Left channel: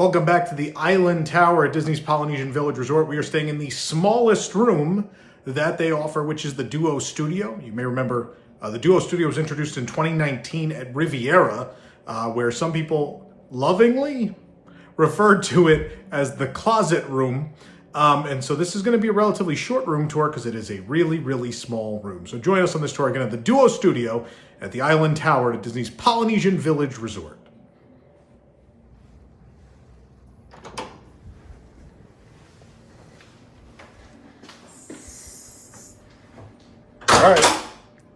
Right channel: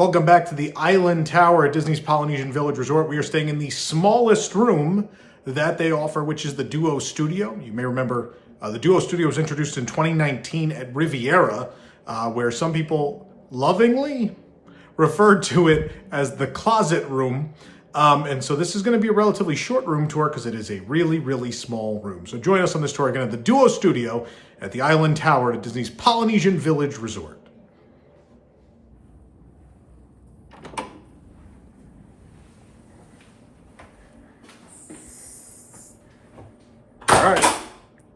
Welcome back to the Island Tower at Disney's Polynesian Village Resort. We are staying in the smallest room that they offer, which is the Duo Studio. You may remember the Duo Studio was introduced in 2019 at Riviera, where some people lovingly referred to it as the closet room. And so this is going to be a relatively short room tour because it is a really, really small room. So join us on this tour again at the Duo Studio at the Island Tower at Disney's Polynesian Village Resort. All right,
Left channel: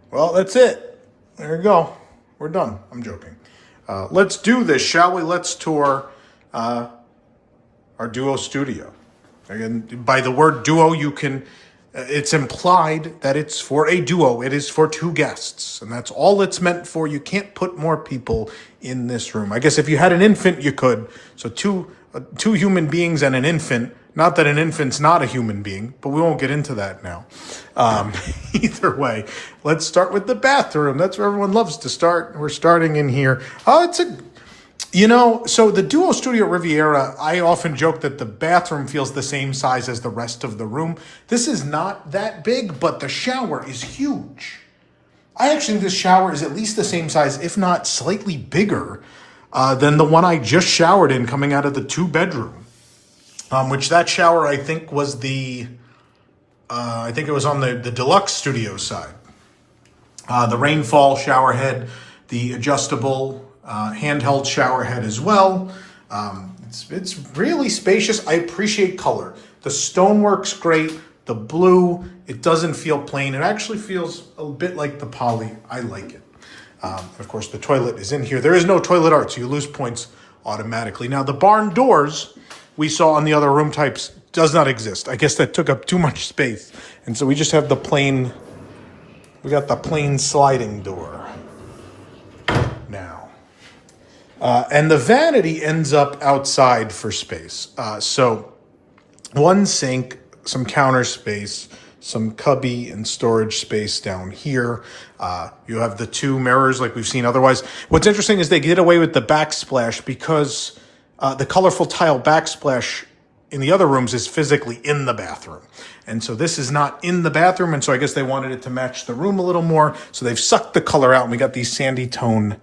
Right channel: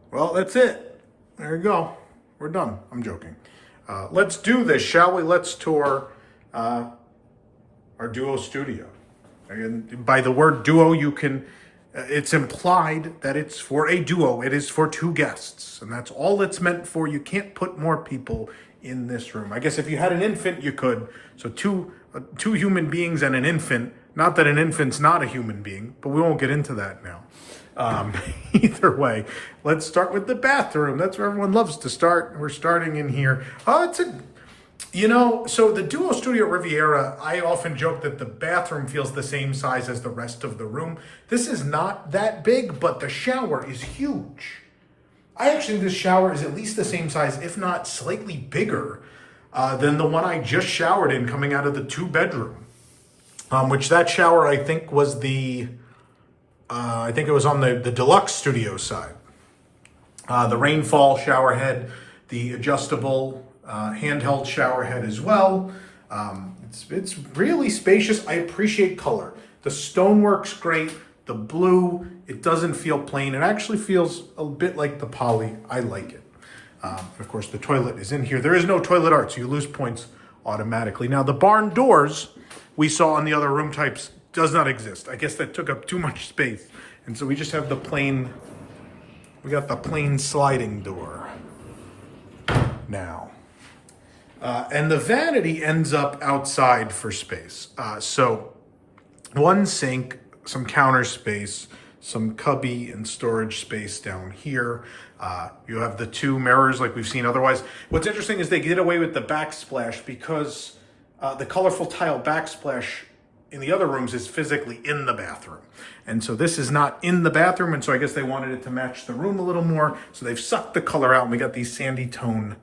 well, that's it. There you go. We're done. I'm joking. Let's do this, shall we? Let's tour our Duo Studio. Again, by the word duo, you can, it's implied that it's for a duo. It is for two guests, and that's all it's meant for. You can't put more people in this room. I guess if you had an infant, you could. So two human beings and an infant. Not that an infant's not a human being, but we won't get into that now. Either way, let's start with the bathroom. That's where everyone loves to start. We're starting in here. So the Duo Studio Riviera, I often joke that the bathroom feels the same size as the rest of the room. This is not that big, but the shower is huge. I actually think this shower is at least the same size, if not slightly bigger, than the one I just showered in coming out of the two-bedroom. Which that shower, I think, was it was on the deluxe studio side. The rainfall shower head, the adjustable handheld shower head as well. It's really spacious. I appreciate color. The stonework's great. The blue, it doesn't feel plain. It actually feels a bit like the poly. I like it. Of course, the toilet is in here. There is no toilet art, so you lose points automatically. Now, the barn doors we saw on the other room types does not exist. I guess that took up too much space. And so we just have we got the plain sliding door now. And the vanity ends up outside for space. So one sink, some counter space, some cubby and storage space down here. You have the two mirrors like we've seen otherwise. What's interesting is they get away with the backsplash because the colorful tile backsplash in the other rooms is physically in the bathroom. And so this is not in the bathroom, and so I guess they wanted it to match the room a little more. So they've sucked the color out, and we got these sandy tone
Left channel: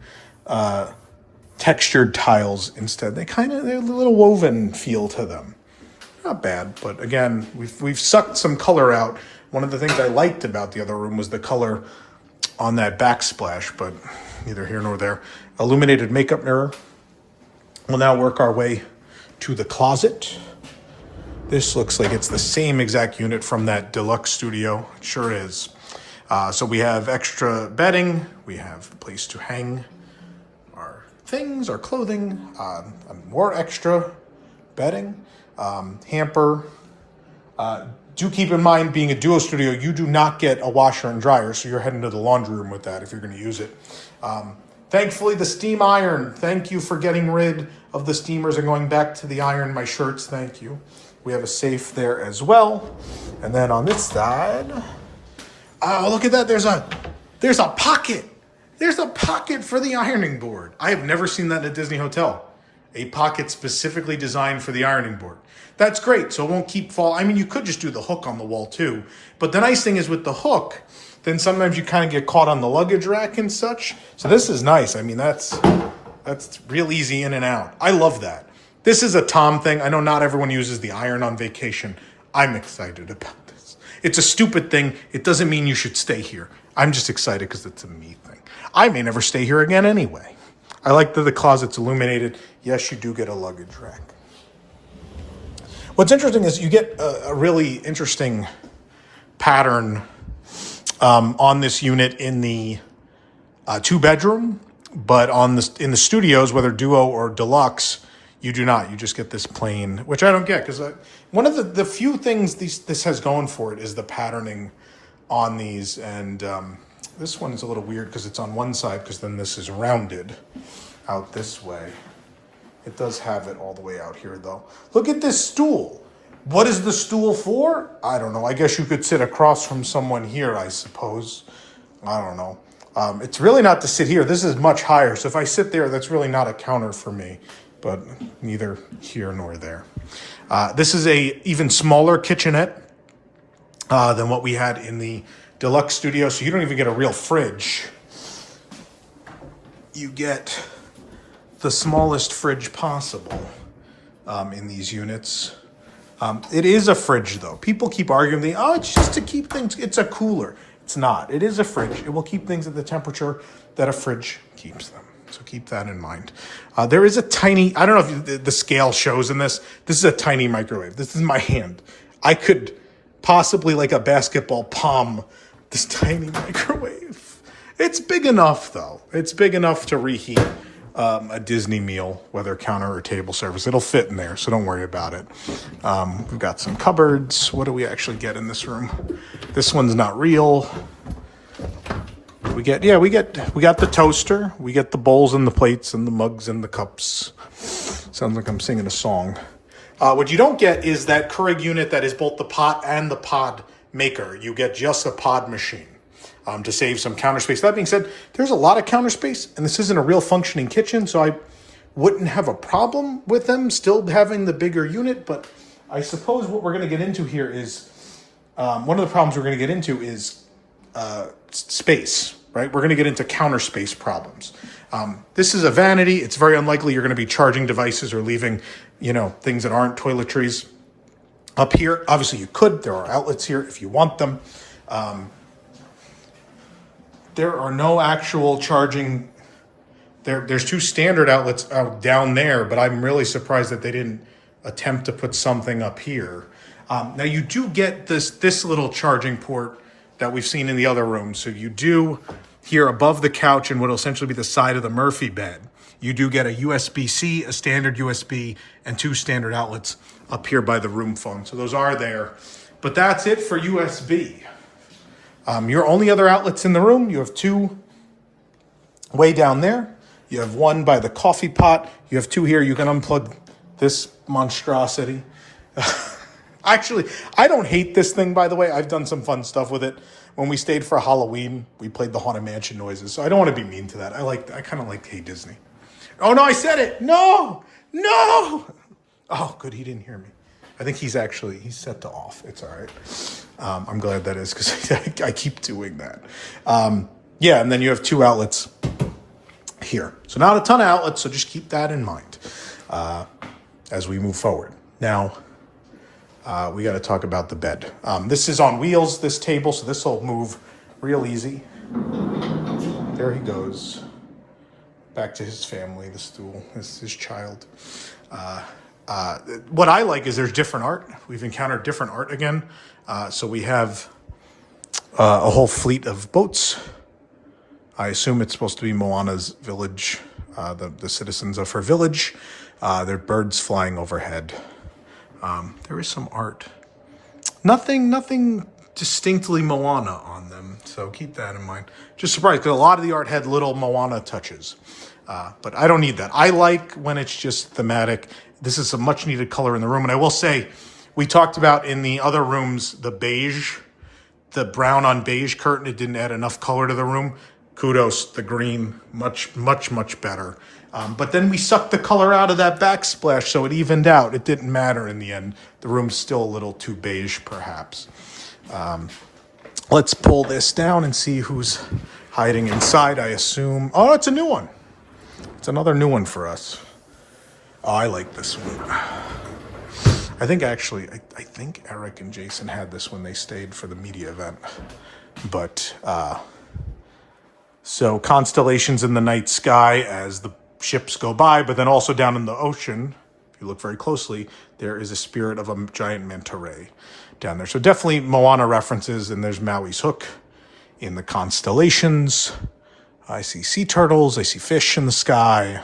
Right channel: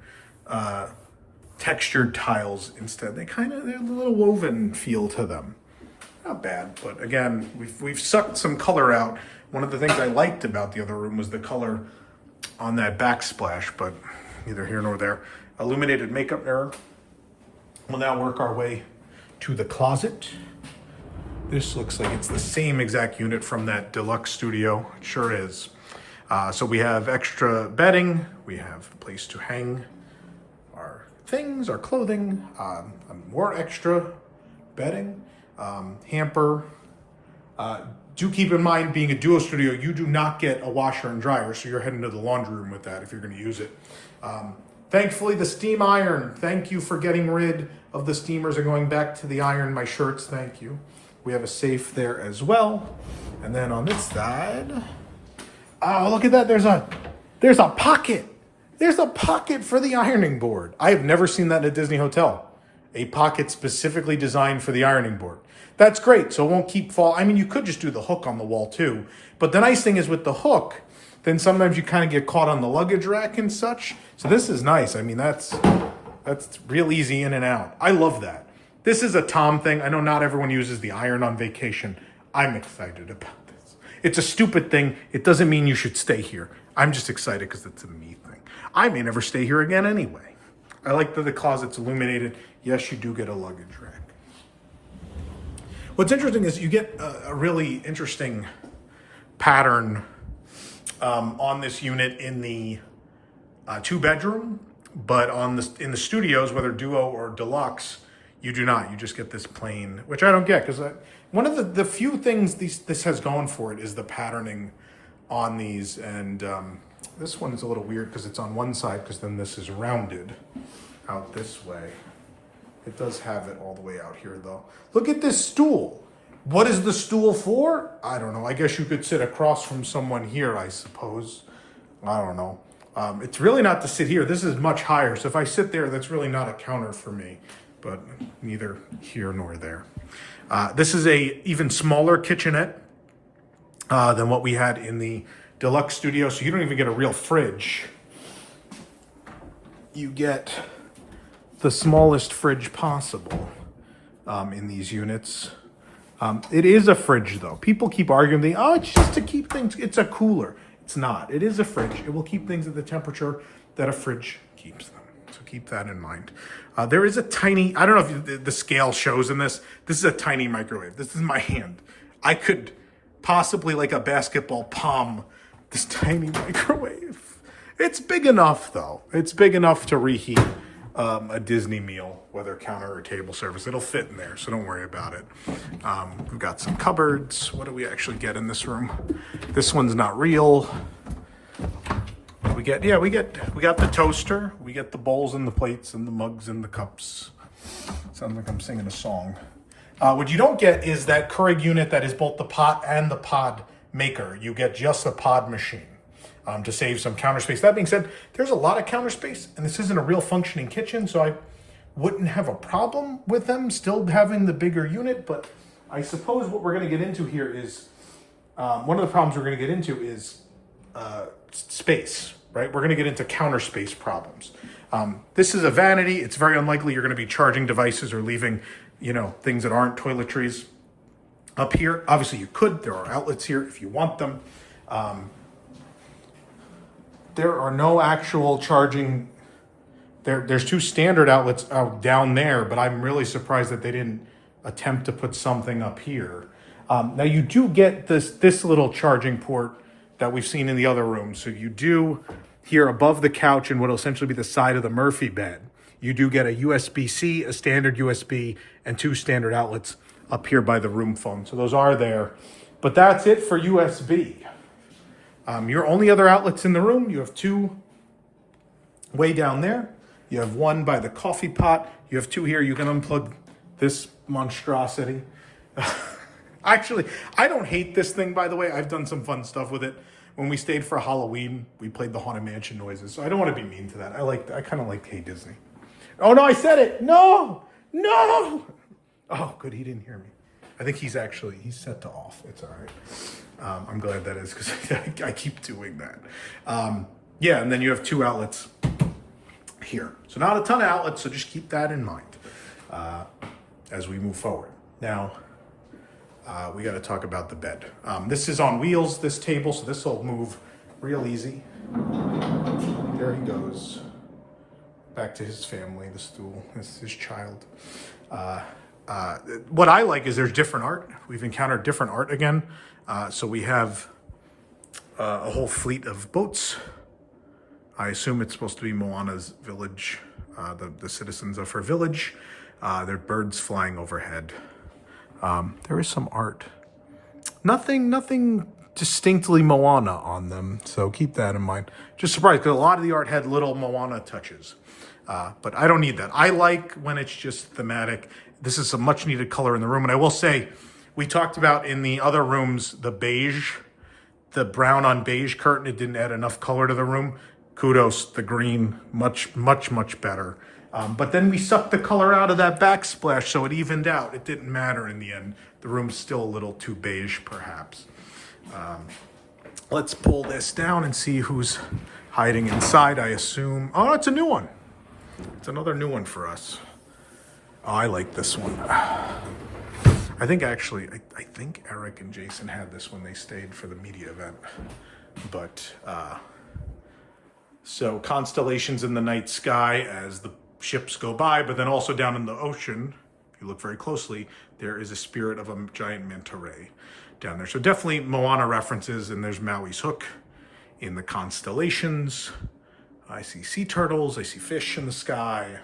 textured tiles instead. They have a little woven feel to them. Not bad, but again, we've sucked some color out. One of the things I liked about the other room was the color on that backsplash, but neither here nor there. Illuminated makeup mirror. We'll now work our way to the closet. This looks like it's the same exact unit from that deluxe studio. It sure is. So we have extra bedding. We have a place to hang our things, our clothing, more extra bedding, hamper. Do keep in mind, being a Duo Studio, you do not get a washer and dryer, so you're heading to the laundry room with that if you're going to use it. Thankfully, the steam iron. Thank you for getting rid of the steamers and going back to the iron my shirts. Thank you. We have a safe there as well. And then on this side, oh, look at that. There's a pocket. There's a pocket for the ironing board. I have never seen that in a Disney hotel. A pocket specifically designed for the ironing board. That's great. So it won't keep fall. I mean, you could just do the hook on the wall too. But the nice thing is with the hook, then sometimes you kind of get caught on the luggage rack and such. So this is nice. I mean, that's real easy in and out. I love that. This is a Tom thing. I know not everyone uses the iron on vacation. I'm excited about this. It's a stupid thing. It doesn't mean you should stay here. I'm just excited because it's a me thing. I may never stay here again anyway. I like that the closet's illuminated. Yes, you do get a luggage rack. What's interesting is you get a really interesting pattern on this unit in the two-bedroom, but in the studios, whether Duo or Deluxe, you do not. You just get this plain, which I don't get, because one of the few things this has going for it is the patterning on these, and this one is a little weird because it's on one side, because then this is rounded out this way. It does have it all the way out here, though. Look at this stool. What is the stool for? I don't know. I guess you could sit across from someone here, I suppose. I don't know. It's really not to sit here. This is much higher. So if I sit there, that's really not a counter for me. but neither here nor there. This is a even smaller kitchenette than what we had in the deluxe studio, so you don't even get a real fridge. You get the smallest fridge possible in these units. It is a fridge, though. People keep arguing, oh, it's just to keep things, it's a cooler. It's not. It is a fridge. It will keep things at the temperature that a fridge keeps them. So keep that in mind. There is a tiny, I don't know if the scale shows in this. This is a tiny microwave. This is my hand. I could possibly, like a basketball, palm this tiny microwave. It's big enough, though. It's big enough to reheat a Disney meal, whether counter or table service. It'll fit in there, so don't worry about it. We've got some cupboards. What do we actually get in this room? This one's not real. We got the toaster. We get the bowls and the plates and the mugs and the cups. Sounds like I'm singing a song. What you don't get is that Keurig unit that is both the pot and the pod maker. You get just a pod machine to save some counter space. That being said, there's a lot of counter space, and this isn't a real functioning kitchen, so I wouldn't have a problem with them still having the bigger unit. But I suppose what we're going to get into here is one of the problems we're going to get into is space, right? We're going to get into counter space problems. This is a vanity. It's very unlikely you're going to be charging devices or leaving, things that aren't toiletries up here. Obviously, you could. There are outlets here if you want them. There are no actual charging. There's two standard outlets down there, but I'm really surprised that they didn't attempt to put something up here. Now you do get this little charging port that we've seen in the other rooms. So you do here above the couch and what will essentially be the side of the Murphy bed. You do get a USB-C, a standard USB, and two standard outlets up here by the room phone. So those are there, but that's it for USB. Your only other outlets in the room, you have two way down there. You have one by the coffee pot. You have two here. You can unplug this monstrosity. Actually, I don't hate this thing, by the way. I've done some fun stuff with it. When we stayed for Halloween, we played the Haunted Mansion noises. So I don't want to be mean to that. I kind of like Hey Disney. Oh, no, I said it. No. Oh, good. He didn't hear me. I think he's set to off. It's all right. I'm glad that is because I keep doing that. And then you have two outlets here. So not a ton of outlets, so just keep that in mind as we move forward. Now, we got to talk about the bed. This is on wheels, this table, so this will move real easy. There he goes. Back to his family, the stool, his child. What I like is there's different art. We've encountered different art again. So we have a whole fleet of boats. I assume it's supposed to be Moana's village, the citizens of her village. There are birds flying overhead. There is some art. Nothing distinctly Moana on them, so keep that in mind. Just surprised, because a lot of the art had little Moana touches. But I don't need that. I like when it's just thematic. This is a much needed color in the room. And I will say, we talked about in the other rooms, the brown on beige curtain, it didn't add enough color to the room. Kudos, the green, much, much, much better. But then we sucked the color out of that backsplash, so it evened out. It didn't matter in the end. The room's still a little too beige, perhaps. Let's pull this down and see who's hiding inside, I assume. Oh, it's a new one. It's another new one for us. Oh, I like this one. I think Eric and Jason had this when they stayed for the media event. But, so constellations in the night sky as the ships go by, but then also down in the ocean, if you look very closely, there is a spirit of a giant manta ray down there. So definitely Moana references, and there's Maui's hook in the constellations. I see sea turtles, I see fish in the sky.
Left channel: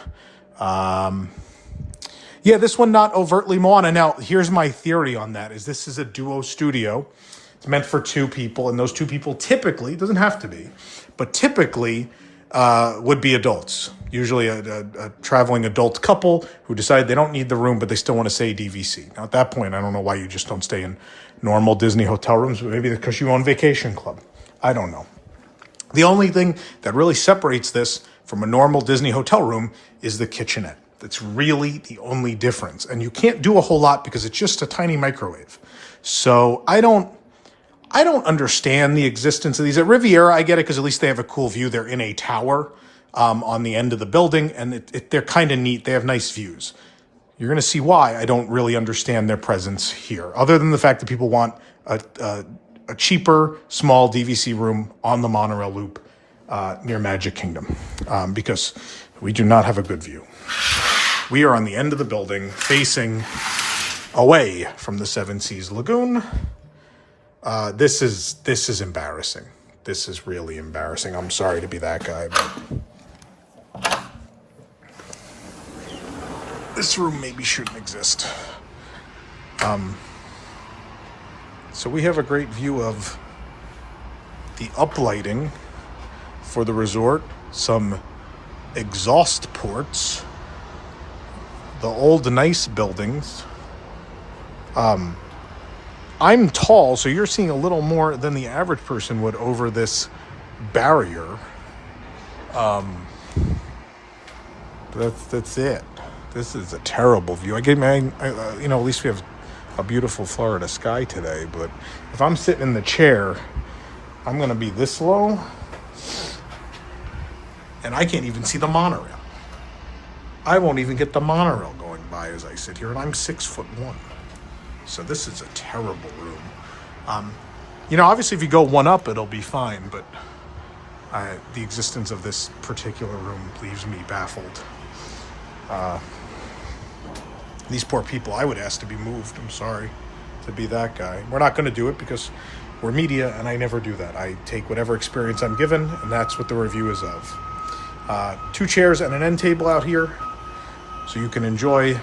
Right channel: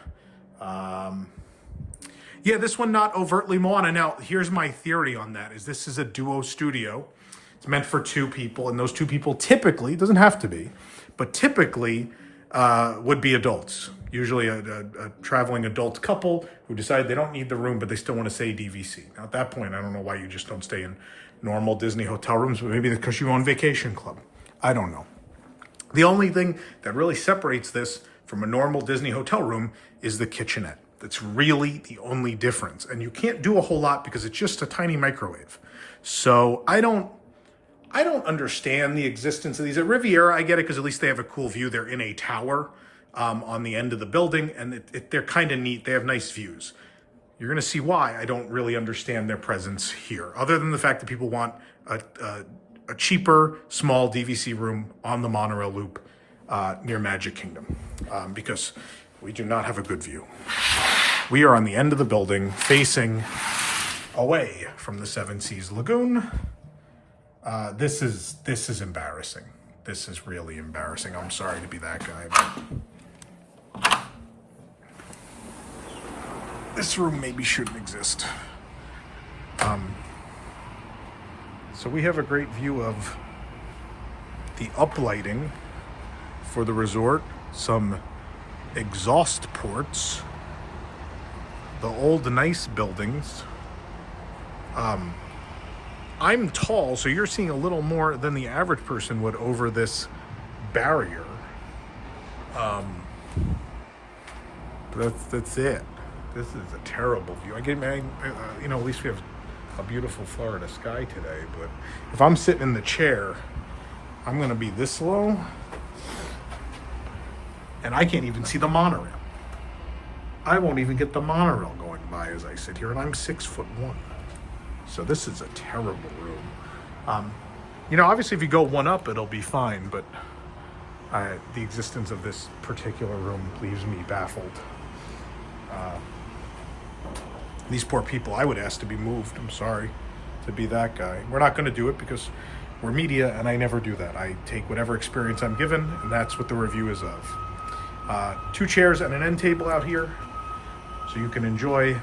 This one not overtly Moana. Now, here's my theory on that, is this is a duo studio. It's meant for two people, and those two people typically, it doesn't have to be, but typically would be adults. Usually a traveling adult couple who decide they don't need the room, but they still want to stay DVC. Now, at that point, I don't know why you just don't stay in normal Disney hotel rooms, but maybe because you own Vacation Club. I don't know. The only thing that really separates this from a normal Disney hotel room is the kitchenette. That's really the only difference. And you can't do a whole lot because it's just a tiny microwave. So I don't understand the existence of these. At Riviera, I get it because at least they have a cool view. They're in a tower on the end of the building, and they're kind of neat. They have nice views. You're going to see why I don't really understand their presence here, other than the fact that people want a cheaper, small DVC room on the monorail loop near Magic Kingdom, because we do not have a good view. We are on the end of the building, facing away from the Seven Seas Lagoon. This is embarrassing. This is really embarrassing. I'm sorry to be that guy, but this room maybe shouldn't exist. So we have a great view of the uplighting for the resort, some exhaust ports, the old nice buildings. I'm tall, so you're seeing a little more than the average person would over this barrier. That's it. This is a terrible view. At least we have a beautiful Florida sky today, but if I'm sitting in the chair, I'm going to be this low, and I can't even see the monorail. I won't even get the monorail going by as I sit here, and I'm 6'1". So this is a terrible room. Obviously if you go one up, it'll be fine, but the existence of this particular room leaves me baffled. These poor people, I would ask to be moved. I'm sorry to be that guy. We're not going to do it because we're media, and I never do that. I take whatever experience I'm given, and that's what the review is of. 2 chairs and an end table out here, so you can enjoy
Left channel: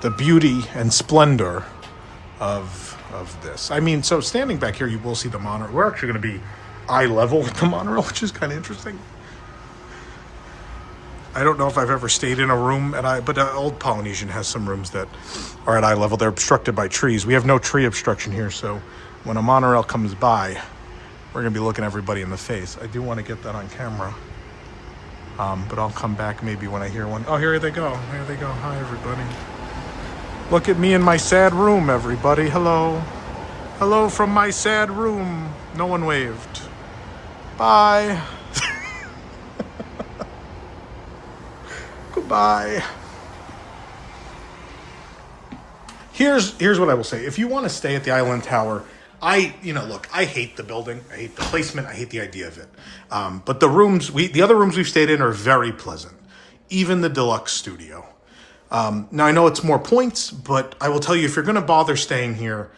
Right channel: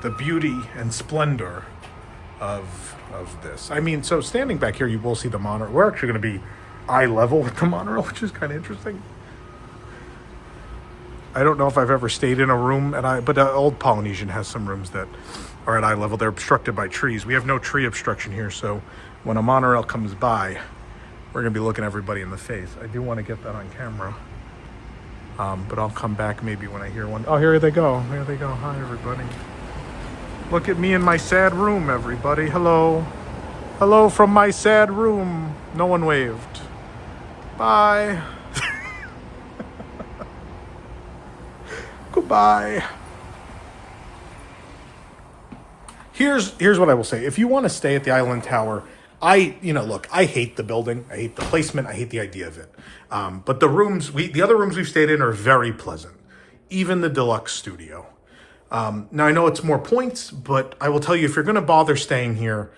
the beauty and splendor of this. So standing back here, you will see the monorail. We're actually going to be eye level with the monorail, which is kind of interesting. I don't know if I've ever stayed in a room but old Polynesian has some rooms that are at eye level. They're obstructed by trees. We have no tree obstruction here, so when a monorail comes by, we're going to be looking everybody in the face. I do want to get that on camera, but I'll come back maybe when I hear one. Oh, here they go. There they go. Hi, everybody. Look at me in my sad room, everybody. Hello. Hello from my sad room. No one waved. Bye. Goodbye. Here's what I will say. If you want to stay at the Island Tower, I hate the building. I hate the placement. I hate the idea of it. But the other rooms we've stayed in are very pleasant. Even the deluxe studio. Now I know it's more points, but I will tell you, if you're going to bother staying here,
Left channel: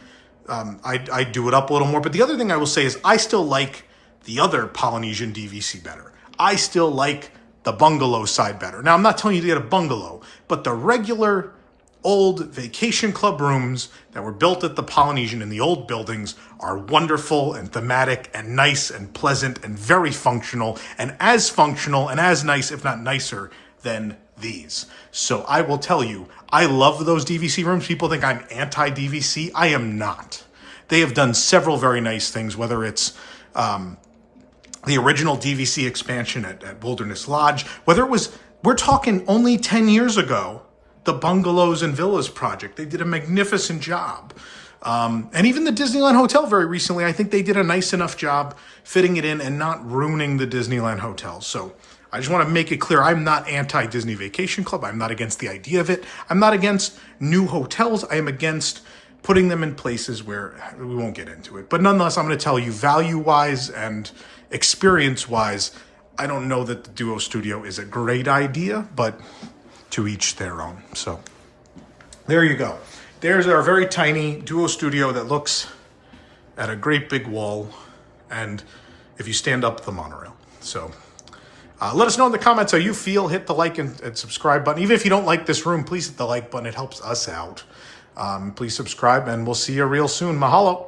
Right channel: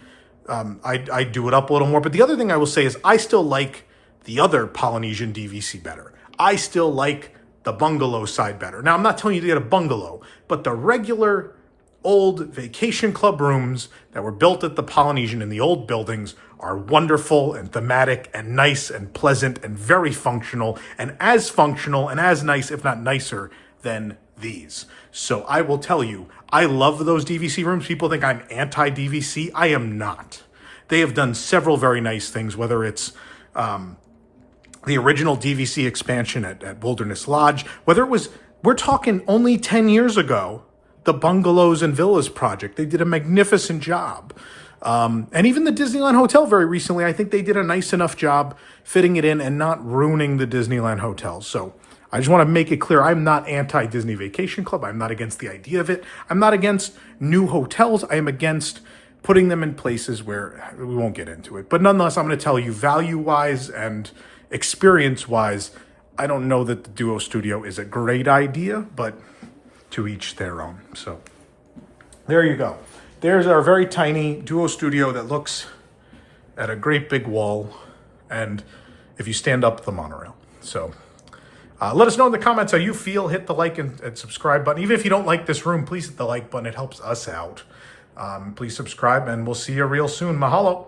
I'd do it up a little more. But the other thing I will say is I still like the other Polynesian DVC better. I still like the bungalow side better. Now, I'm not telling you to get a bungalow, but the regular old vacation club rooms that were built at the Polynesian in the old buildings are wonderful and thematic and nice and pleasant and very functional and as nice, if not nicer, than these. So I will tell you, I love those DVC rooms. People think I'm anti-DVC. I am not. They have done several very nice things, whether it's the original DVC expansion at Wilderness Lodge, whether it was, we're talking only 10 years ago, the Bungalows and Villas project. They did a magnificent job. And even the Disneyland Hotel very recently, I think they did a nice enough job fitting it in and not ruining the Disneyland Hotel. So I just want to make it clear, I'm not anti-Disney Vacation Club. I'm not against the idea of it. I'm not against new hotels. I am against putting them in places where we won't get into it. But nonetheless, I'm going to tell you, value-wise and experience-wise, I don't know that the Duo Studio is a great idea, but to each their own. So there you go. There's our very tiny Duo Studio that looks at a great big wall, and if you stand up the monorail. So let us know in the comments how you feel. Hit the like and subscribe button. Even if you don't like this room, please hit the like button. It helps us out. Please subscribe, and we'll see you real soon. Mahalo.